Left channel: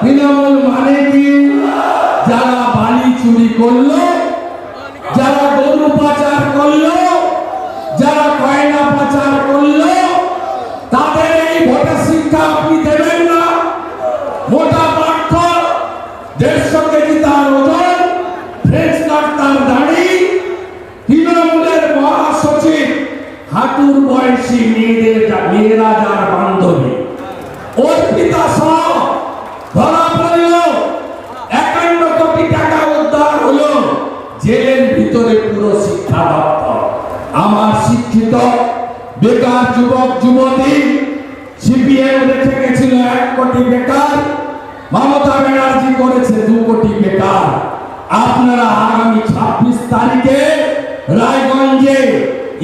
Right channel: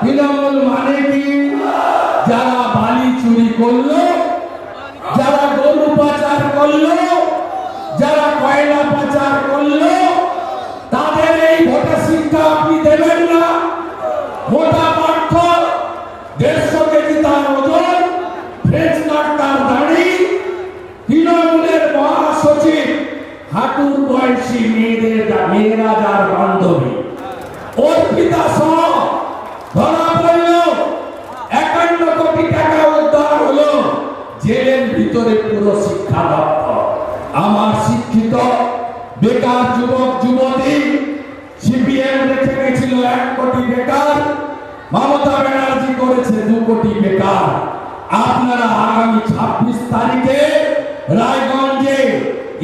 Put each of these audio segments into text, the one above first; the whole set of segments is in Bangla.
তৃণমূল মানে কি? যারা বালি চুরি করলো, যারা গরু পাচার করলো, যারা কয়লা পাচার করলো, তাদের এই ভোটের শিক্ষা আপনি দেবেন না? মোটা পার্থ 150 কেজি তার ওজন, ফ্রেঞ্চ কাট তার দাড়ি, তৃণমূলের মহাসচিব হাঁটুর বয়সী মেয়েরা যার বান্ধবী, অর্পিতা সহ ধরা পড়ল। 51 কোটি টাকা উদ্ধার হলো জেলের ভিতরে পুরো শিক্ষা দপ্তর। আমার শিক্ষিত বেকার যুবক যুবতী, সিপিএম রেখে গেছিল 1 কোটি বেকার, মমতা ব্যানার্জি করেছে 2 কোটি বেকার। আপনারা আগামী 26 তারিখে রায়গঞ্জে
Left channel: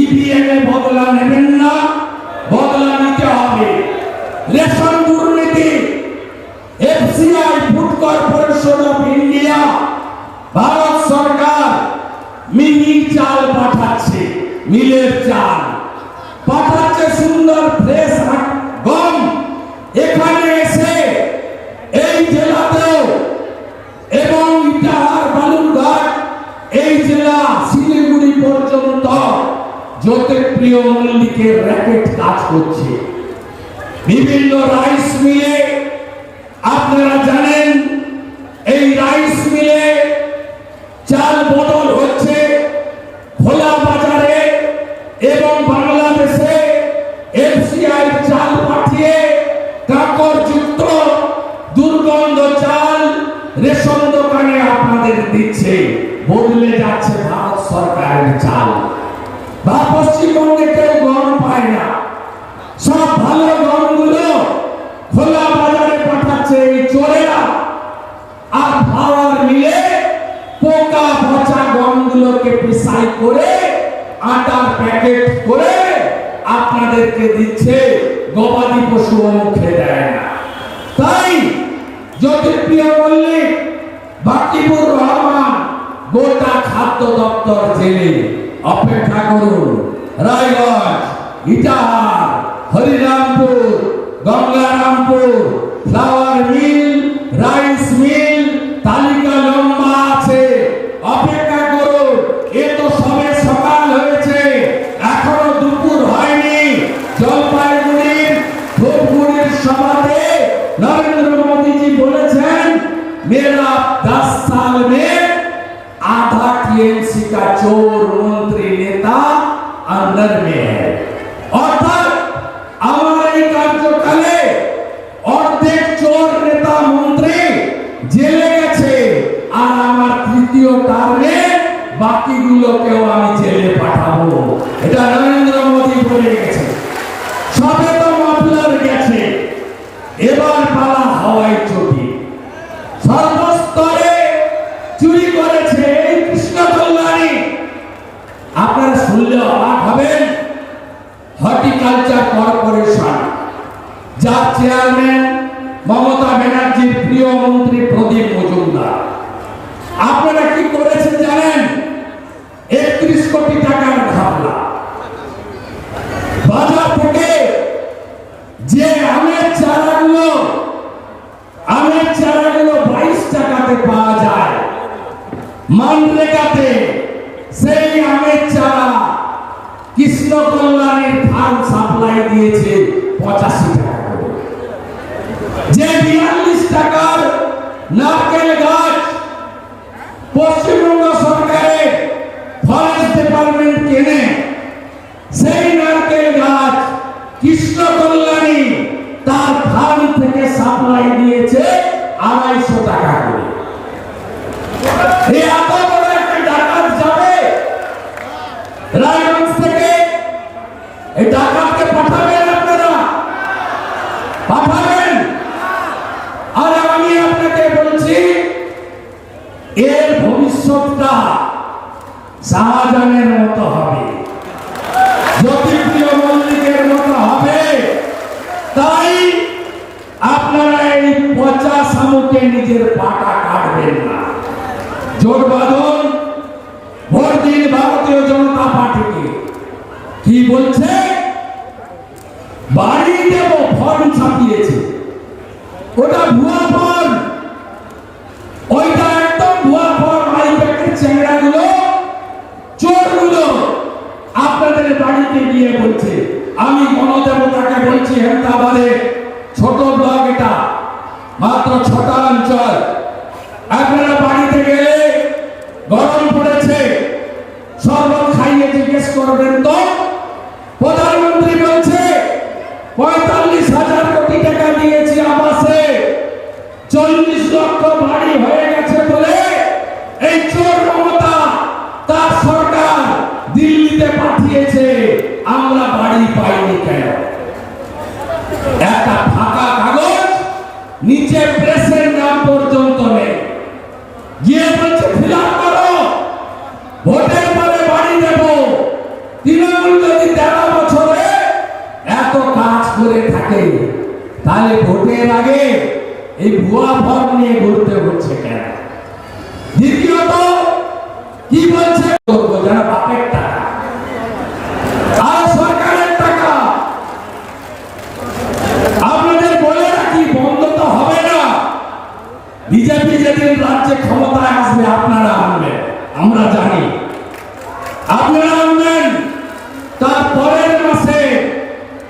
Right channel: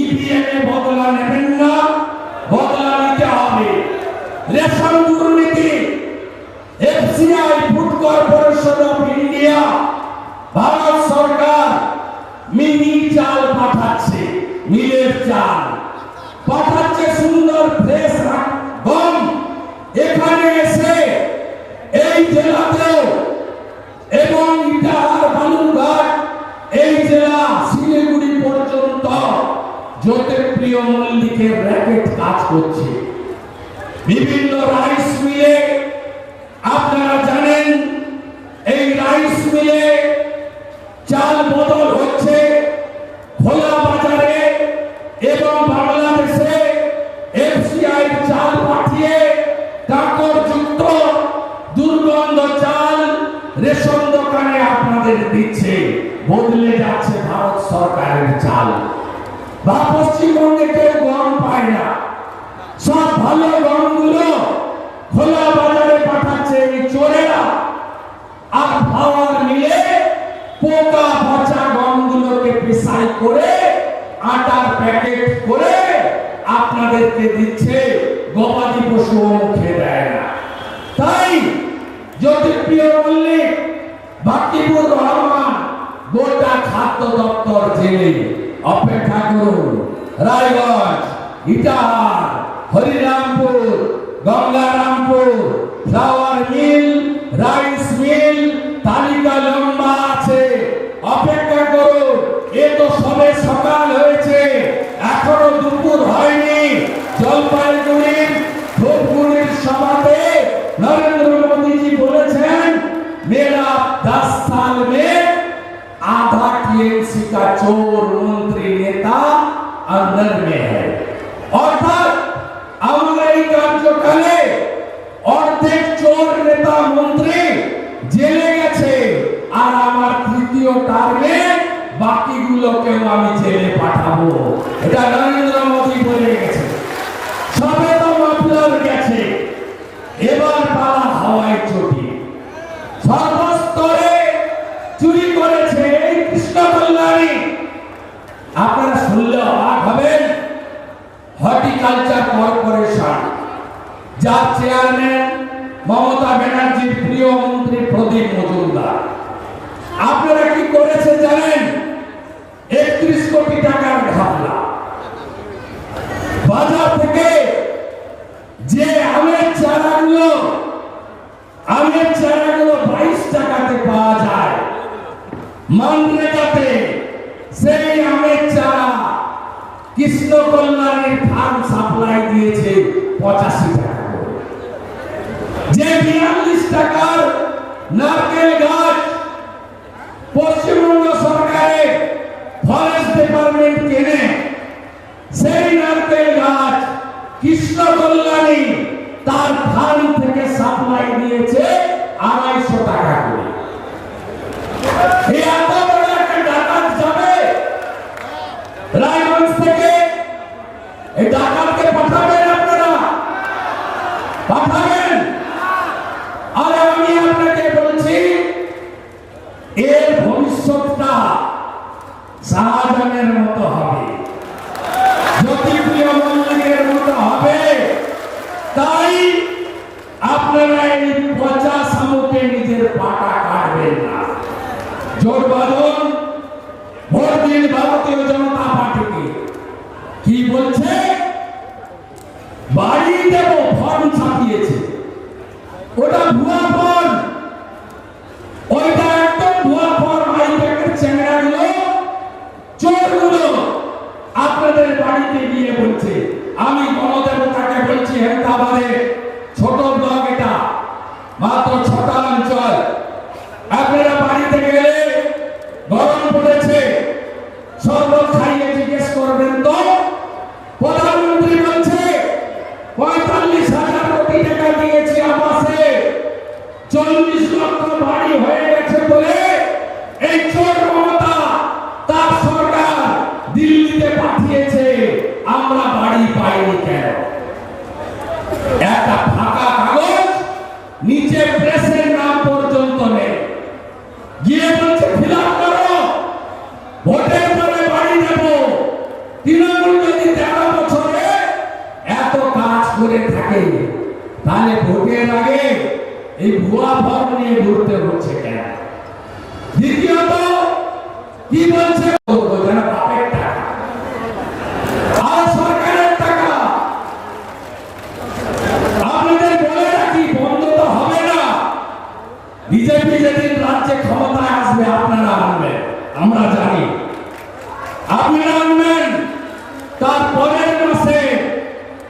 ইভিএম এ বদলা নেবেন না? বদলা নিতে হবে। রেশন দুর্নীতি, FCI food corporation of India, Bharat সরকার মিহির চাল পাঠাচ্ছে, মিলের চাল পাঠাচ্ছে, সুন্দর ফ্রেশ গম। এখানে এসে এই জেলাতেও এবং ইটাহার, বালুরঘাট, এই জেলা শিলিগুড়ি পর্যন্ত জ্যোতিপ্রিয় মল্লিকের র্যাকেট কাজ করছে। বিভিন্ন রাইস মিলে, আপনারা জানেন এই রাইস মিলে চাল বদল হচ্ছে খোলা বাজারে এবং বাংলাদেশে এফসিআই চাল পাঠিয়ে কাঁকড়যুক্ত দুর্গন্ধ চাল রেশন দোকানে আপনাদের দিচ্ছে। বদলে যাচ্ছে ভারত সরকারের চাল। বা পশ্চিমবঙ্গে কেউ গম পায় না, সব ভালো গমগুলো খোলা বাজারে পাঠাচ্ছে এই চোরেরা। আর পাওয়ার মিলে পোকা পচা গমগুলোকে পিসাই করে আটার প্যাকেট করে আপনাদেরকে দিচ্ছে। গবাদি পশু মুখে দেয় না। তাই জ্যোতিপ্রিয় মল্লিক, বাকিবুর রহমান গোটা খাদ্য দপ্তর জেলে অপেক্ষা করুন। Raiganj, Itahar, Harirampur, Gangarampur, flower mill, rice mill, তালিকা লম্বা আছে। অপেক্ষা করুন। এ তো সবে সকাল হয়েছে, এখনো দুপুর হয়নি। জলপাইগুড়ির ধূপগুড়ির সভাতে নরেন্দ্র মোদীজি বলেছেন, মেরা 10 साल में आधा टीएमसी का चोर मंत्री नेता अंदर में है। অর্থাৎ আমার এই কার্যকালে অর্ধেক চোর নেতা মন্ত্রী জেলে গেছে, আর আমার তৃতীয় টার্মে বাকিগুলোকেও আমি জেলে পাঠাবো। এটা নরেন্দ্র মোদী বলে গেছে। সবে তো মাফলার গেছে, এবার পালা হাওয়াই চটি। সর্বস্তরে চুরি করেছে এই কৃষ্ণ কল্যাণী। আপনারা শুনলে অবাক হবেন। হর্টিকালচার কর্পোরেশন, যার চেয়ারম্যান মমতা ব্যানার্জির প্রিয় মন্ত্রী প্রদীপ মজুমদার, আপনারা কি করেছে জানেন? 31 কোটি টাকার ঘাপলা। বাজার থেকে যে আমের চারাগুলো 22 টাকাতে পাওয়া যায়, মানরেগাতে সেই আমের চারা কৃষ্ণ কল্যাণীর ফার্ম সাপ্লাই দিয়েছে 85 টাকা করে। যে 42 টাকার নারকেল গাছ পশ্চিমবঙ্গ সরকারের ফরেস্ট ডিপার্টমেন্ট কেনে, সেই নারকেল গাছ কৃষ্ণ কল্যাণী তার ফার্ম থেকে সাপ্লাই দিয়েছে 250 টাকা করে। এই এত বড় একটা ডাকাত যাবে রায়গঞ্জ থেকে, এই ডাকাতকে পাঠাবেন আপনারা? পাঠাবেন? আর আমি আপনাকে বলছি, এর ভবিষ্যৎটা শাহজাহানের মতো হবে, জ্যোতিপ্রিয় মল্লিকের মতো হবে। তাই আপনারা এই পচা শামুকে নিজের পাটা কাটবেন না। জোট বাঁধন, ভোট দিন ভারতীয় জনতা পার্টিকে। কি বলছে? বাড়ি দেব, ফর্ম ছাপিয়েছে, ওটা ভুয়া ফর্ম। মাত্র 6টা অঞ্চল। আপনারা বাড়িতে গেলে গরম পড়েছে, সব লোক খাইয়ে জিজ্ঞেস করবেন তো প্রধানমন্ত্রী বলছে 45,000 কোটি টাকা দিয়েছি আবাসে, 40 লক্ষ বাড়ি হয়ে গেছে বলে এই চোর মমতা তার সরকার দিল্লিতে পাঠিয়েছে, আমরা বাড়ি পাইনি কেন? একটা ফাঁকা কাগজ, নিচে প্রেসের নাম পর্যন্ত নেই, গিয়ে বলছে ফিল আপ করো, ভোটের পরে বাড়ি দেব। তৃণমূল যদি 13 বছরে এত কাজ করে থাকে, তাহলে ভোটের আগে এই ভুয়া ফর্ম নিয়ে ঘুরতে হচ্ছে কেন? দ্বিতীয়ত কি বলছে, যারা বাপের টাকা আর সরকারের টাকা, আপনাদের বলে রাখি বন্ধ তো হবে না। বিজেপি যেদিন রাজ্যে ক্ষমতায় আসবে আপনারা আনবেন, আমরা জানি আপনারা আনবেন। তার পরের মাসে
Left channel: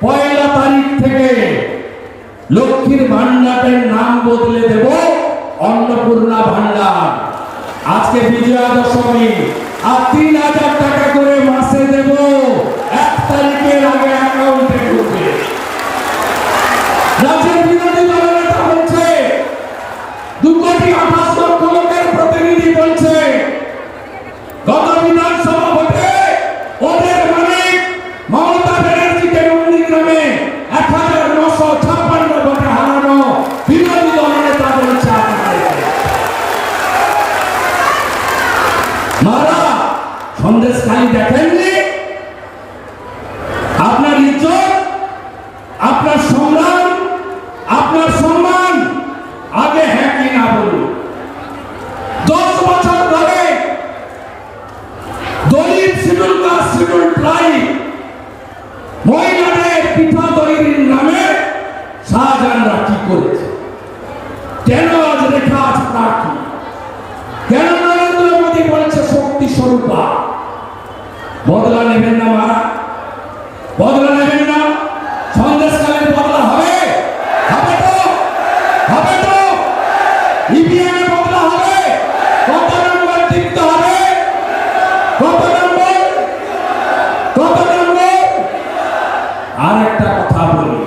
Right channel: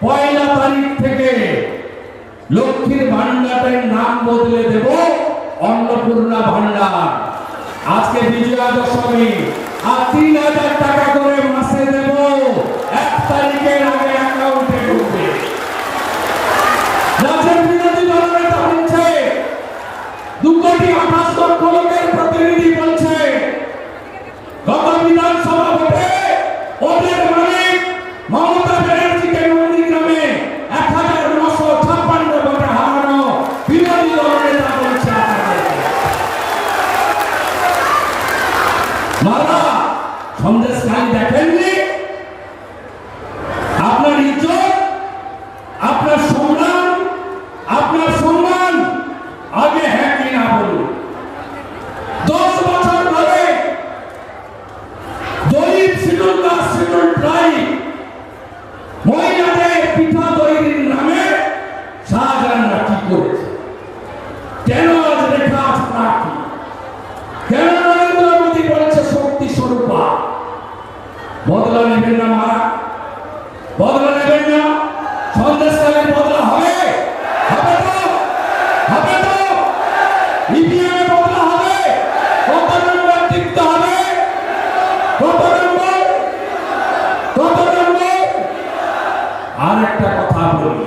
1 তারিখ থেকে লক্ষ্মীর ভান্ডারের নাম বদলে দেব অন্নপূর্ণা ভান্ডার। আজকে বিজয়া দশমী, আর 3,000 টাকা করে মাসে দেব, 1 তারিখের আগে অ্যাকাউন্টে ঢুকবে। রাজ্যের বিরোধী দলনেতা বলছে 2,28 লক্ষ লোকের প্রতিনিধি বলছে গত বিধানসভা ভোটে ওদের মালিক মমতা ব্যানার্জিকে নন্দীগ্রামে 1,956 ভোটে হারানো বিরোধী দলনেতা বলছে মারা সন্দেশখালী দেখেননি? আপনার ইজ্জত, আপনার সংগ্রাম, আপনার সম্মান আগে হ্যাঁ কি না বলুন। 10 বছর ধরে দলিত শিডিউল কাস্ট শিডিউল ট্রাইব মহিলাদের পিঠা তৈরির নামে শাহজাহানরা কি করেছে? কেন আজ রেখা আছে প্রার্থী? কেন নরেন্দ্র মোদী বলেছে শক্তি স্বরূপা? বদলা নেবেন না মারা, বদলা নেবেন না। সন্দেশকালের বদলা হবে, হবে তো, হবে তো। ইভিএমে বদলা হবে, কত নম্বর টিকতে হবে, কত নম্বর, কত নম্বর। আর একটা কথা বলি,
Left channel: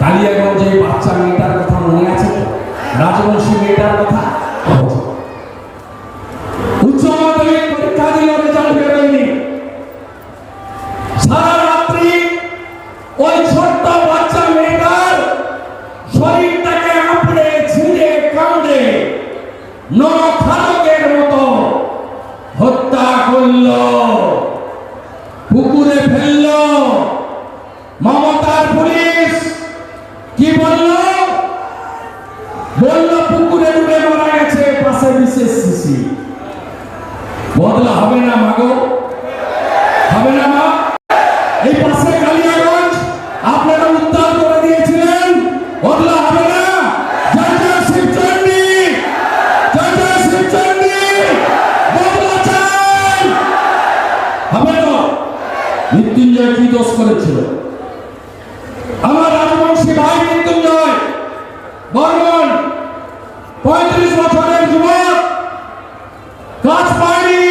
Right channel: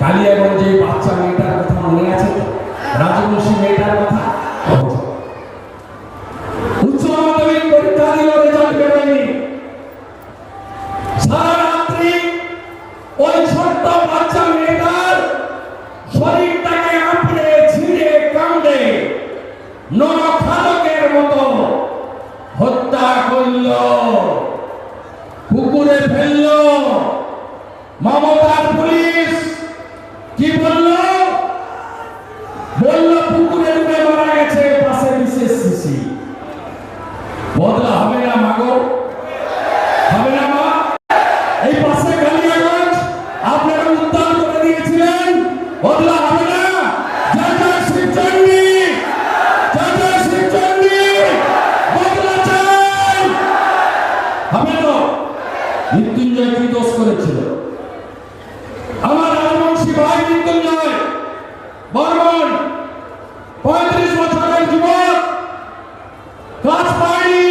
কালিয়াগঞ্জে বাচ্চা মেয়েটার কথা মনে আছে তো? রাজবংশী মেয়েটার কথা। উচ্চ মাধ্যমিক পরীক্ষা দিয়ে রেজাল্ট বেরোয়নি, সারা রাত্রি ওই ছোট্ট বাচ্চা মেয়েটার শরীরটাকে আপড়ে ছিঁড়ে কামড়ে নরখাদকের মতো হত্যা করলো, পুকুরে ফেললো। মমতার পুলিশ কি বলল? বলল পুকুরে ডুবে মারা গেছে, পাশে বিশেষ শিশি। বদলা হবে না মাগো, হবে না মা? এই পাশে কালিয়াগঞ্জ আপনারা উদ্ধার করে দিয়েছিলেন, বদলা হবে না? জয় জয় শিবচন্ডী, জয় জয় শিবচন্ডী, বদলা চাই, হবে না? মৃত্যুঞ্জয় কি দোষ করেছিল? আমার রাজবংশী ভাই মৃত্যুঞ্জয় বর্মন 35 বছরের যুবক, কাজ পায়নি,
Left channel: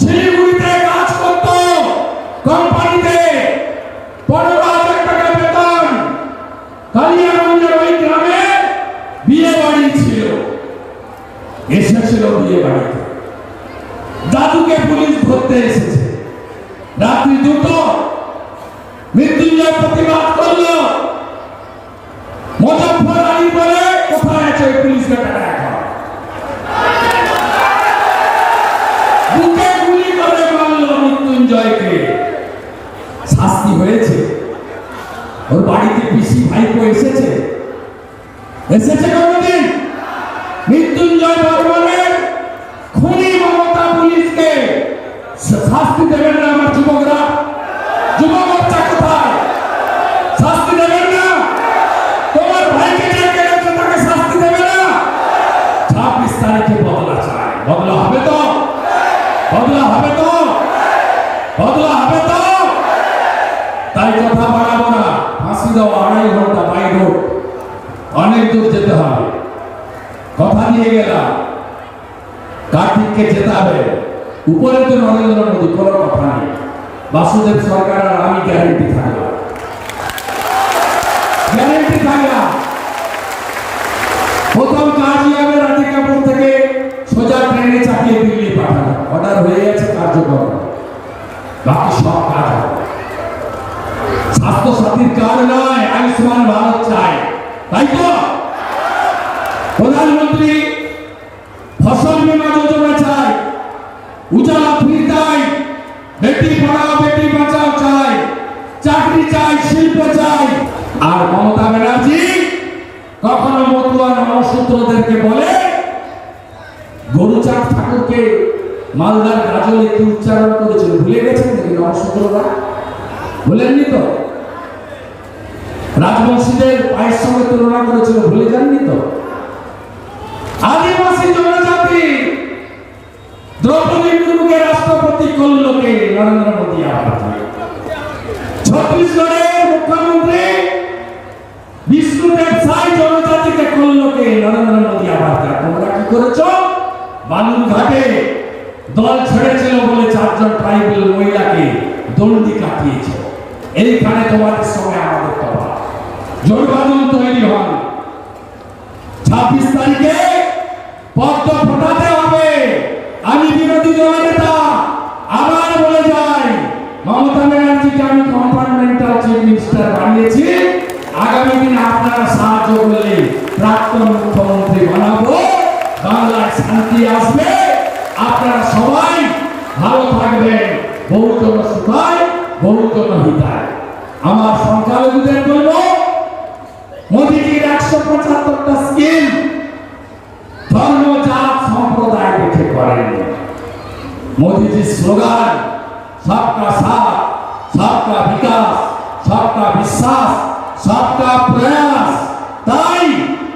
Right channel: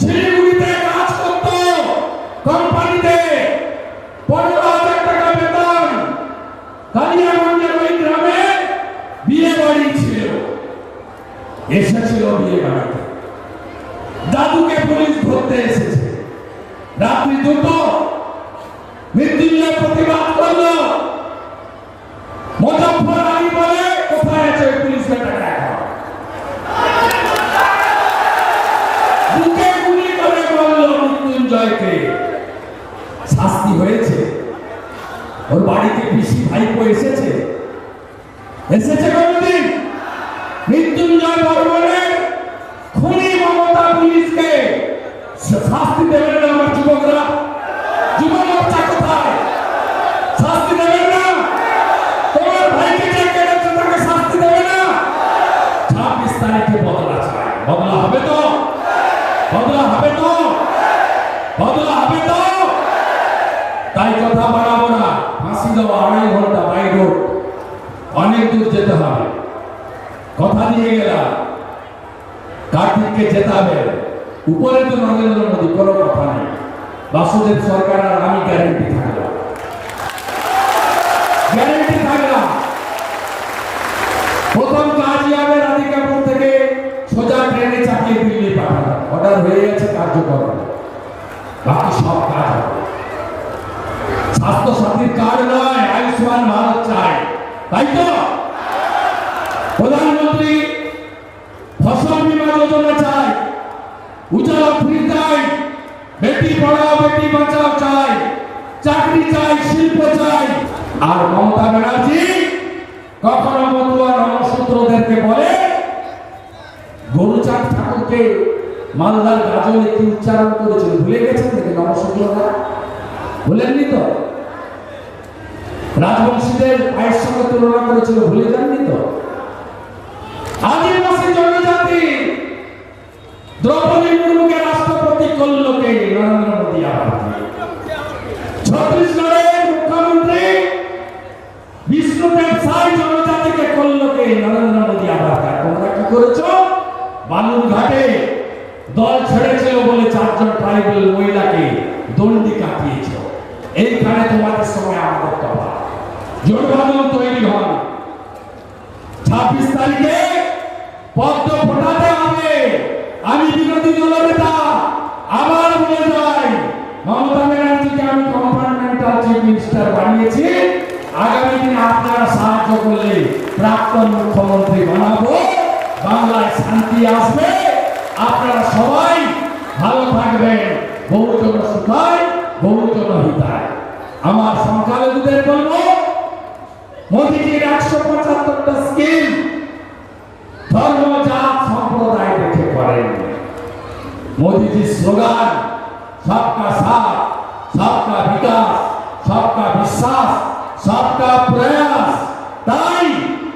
শিলিগুড়িতে কাজ করত কোম্পানিতে, 15,000 টাকা বেতন। কালিয়াগঞ্জের ওই গ্রামে বিয়ে বাড়ি ছিল, এসেছিল বিয়ে বাড়িতে, দাদুকে পুলিশ ধরতে এসেছে। রাত্রি 2টো মৃত্যুঞ্জয় প্রতিবাদ করলো, মুজফ্ফর আলী বলে কোথায় আছে পুলিশকে টাকা রাখা, বুকে গুলি করে মারল মৃত্যুঞ্জয়কে। শাস্তি হয়েছে? ওর বাড়িতে পিসি ভাইপো এসেছে? এসেছে কোনদিন? মৃত্যুঞ্জয় বর্মনের খুনি মমতা পুলিশকে শাস্তি দেবেন না আমার যুবকরা? যুব মোর্চা কোথায়? শাস্তি দেবেন না? তোমার ভাইকে যে কেড়েছে তাকে শাস্তি দেবে না? 26 তারিখে বদলা চাই, বদলা হবে তো, বদলা হবে তো, বদলা হবে তো। তাই কথা বাড়াবো না, ফাঁসি দেওয়া 2.5 ঘন্টা বাইরে অনেক দূর যেতে হবে। কথা দিয়ে গেলাম কার্তিককে জেতাবে। উপরে তো নরেন্দ্র মোদী, কোনো কথা নেই। বাসুদেব সরকার আর আমি গ্যারেন্টি থাকলাম, গ্যারেন্টি থাকলাম। প্রথম কাজই হবে রাধিকাপুর থেকে সোজা ট্রেনে চাপিয়ে দিল্লি পাঠানো। অর্ডার হয়ে গেছে, কার্যকর। বাকি সব কাজ হবে। স্বাস্থ্য সাথীর কাজ নয়, আয়ুষ্মান ভারত চাই, তাই তো? প্রধানমন্ত্রী ফসল বীমা যোজনা চাই, উজালা ফ্রি চাই, বেটি পড়াও বেটি বাঁচাও চাই, চাকরি চাই, শিল্প চাই। আর মমতা ব্যানার্জি কখনো মতুয়া নমসূত্রদেরকে বলে গরুচাঁদ ঠাকুরকে মালদার গাজনে কি উচ্চারণ করেছিল ভুলে গেছেন নাকি নমসূত্ররা? ভুলেননি তো? রাজবংশীদের পায়ের সঙ্গে তুলনা করেছিল, ভুলে যাননি তো? আদিবাসী জনজাতি দ্রৌপদী মুর্মুকে রাষ্ট্রপতি করল কে? নরেন্দ্র মোদী। ছত্তিশগড়ের মুখ্যমন্ত্রী বিষ্ণুদেব সাই জনজাতিকে করল কে? নরেন্দ্র মোদী। তোমরা কি করেছো? বালুরঘাটে দল ছেড়েছিল বলে 4 জন ট্রাইবাল মহিলাকে দণ্ডি কাটিয়েছ। এইখানে তোমাদের সময় আমাদের কথা। জোটবাদল তৈরি হন। 26 তারিখে পদ্ম ফোটাতে হবে। আমি বিরোধী দলের নেতা আবার বলে যাই, মমতা ব্যানার্জিকে আমি কম্পার্টমেন্টাল চিফ মিনিস্টার বানিয়েছি। আগামী দিনে আপনারা সাহায্য করলে প্রাক্তন মুখ্যমন্ত্রী বানাবো। বাংলার শান্তি আসবে, আপনারা সবাই ভালো থাকবেন। বহুজন সুখায়, বহুজন হিতায়। আমার সংখ্যালঘুদের বলবো, মোদীজির 175টা স্কিম ধর্ম জাত সম্প্রদায় দেখে করেন। মোদীজির স্লোগান সবকা সাথ, সবকা বিকাশ, সবকা বিশ্বাস, সবকা প্রয়াস। তাই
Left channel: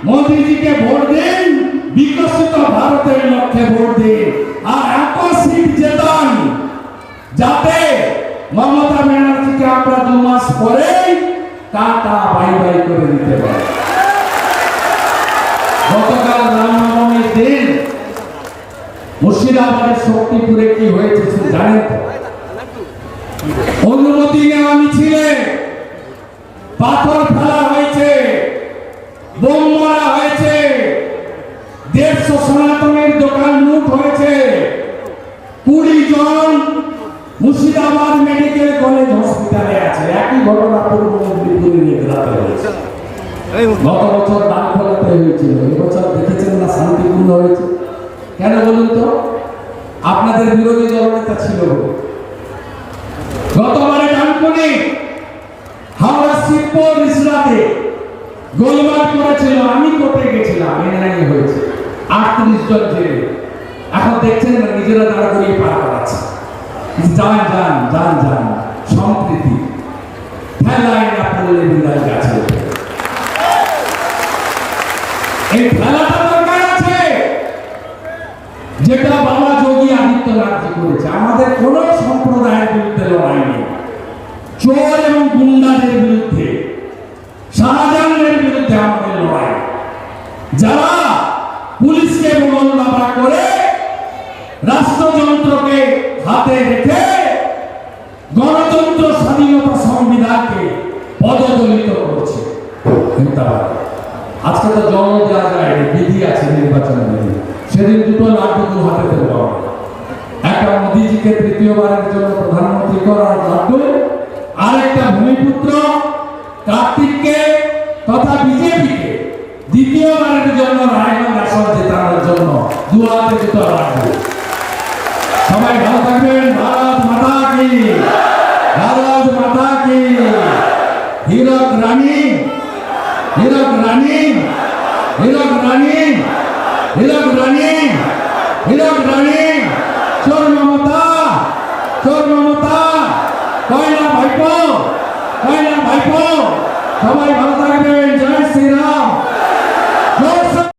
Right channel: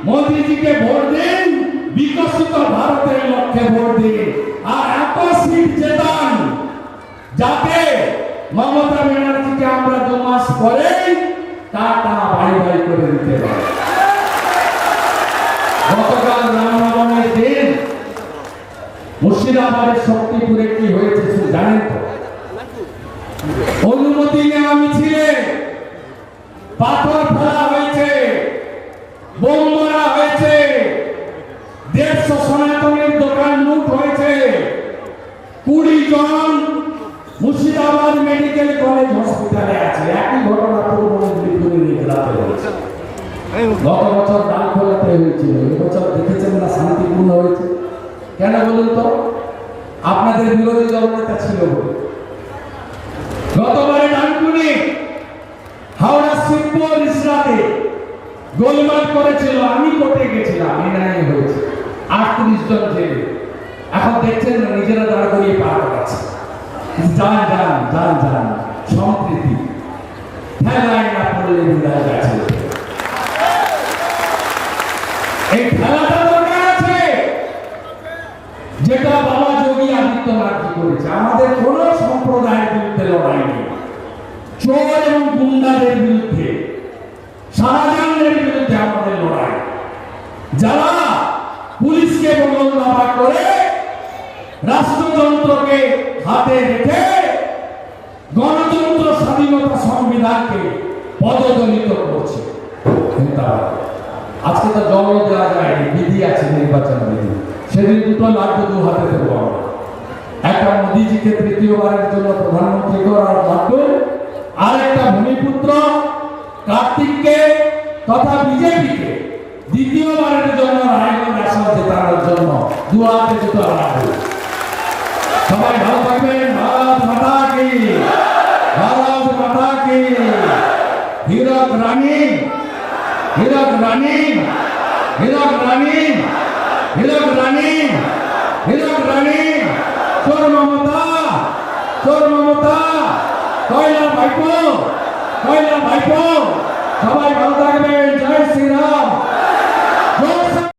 মোদীজিকে ভোট দিন, বিকশিত ভারতের লক্ষ্যে ভোট দিন, আর এত সিট জেতান যাতে মমতা ব্যানার্জিকে আমরা 2 মাস পরে টাটা বাই বাই করে দিতে পারি। গতকাল রামনবমীর দিন মুর্শিদাবাদের শক্তিপুরে কি হয়েছে জানেন তো? অনুমতি নেওয়া মিছিলে পাথর ফেলা হয়েছে, বোম মারা হয়েছে, 150 সনাতনের দোকান লুট হয়েছে। 20 জন মুর্শিদাবাদ মেডিকেল কলেজ হসপিটালে আছে। একই ঘটনা পূর্ব মেদিনীপুরে নিগ্রাতে হয়েছে। গত বছর ডানখোলাতে হয়েছিল, এবছর দেখেছেন না শান্তিপূর্ণ হয়েছে। কেন বলুন তো? আপনাদের বিরোধী দলনেতা ছিল। গতবারে ডানকুনি হাওড়া শিবপুর রিসরাতে গোলমাল করেছিল, আমি কোর্টে গেছিলাম, এনআইএ হয়েছে, 38 জন জেলে। এখন দেখছেন না নিজেরা দাঁড়া করিয়ে পার করাচ্ছে। যান যান যান যান, সম্প্রীতি খেলায় না পড়লে বিদায় গেছে। এই খেলাটা দরকার আছে, যেটা বাবা যোগী আদিত্যনাথ করেছে। আমাদের কোন সম্প্রদায়ের বিরুদ্ধে লড়াই নেই, চোর এবং গুন্ডাদের বিরুদ্ধে, শাহজাহানের বিরুদ্ধে আমাদের লড়াই। যারা পুলিশকে বলদাবা করে রাষ্ট্রযন্ত্রকে হাতে রেখে গণতন্ত্র, স্বাধীনতা, সংবিধানকে পদদলিত করছে। আজকে তো জন্ম দেওয়া যায়, বিধি আছে, নির্বাচন বিধি। সেদিন 2 লাড্ডু হাতে দেবো আমরা। একটা মোদীজিকে 3য়বারের জন্য প্রধানমন্ত্রী করার লাড্ডু, আরেকটা ভূমিপুত্র কার্তিককে তথা বিজেপিকে 2য়বারের জন্য রায়গঞ্জ আসন জেতানোর জন্য 2 হাতে 2 লাড্ডু। সবাই ভালো থাকবেন। ভারত মাতা কি, ভারত মাতা কি। হীরক রানী, হীরক রানী, হীরক রানী, হীরক রানী, হীরক রানী। চোর মমতা, চোর মমতা, কয়লা ভাইপো, কয়লা ভাইপো। সবাই ভালো থাকবেন। জয় শ্রীরাম।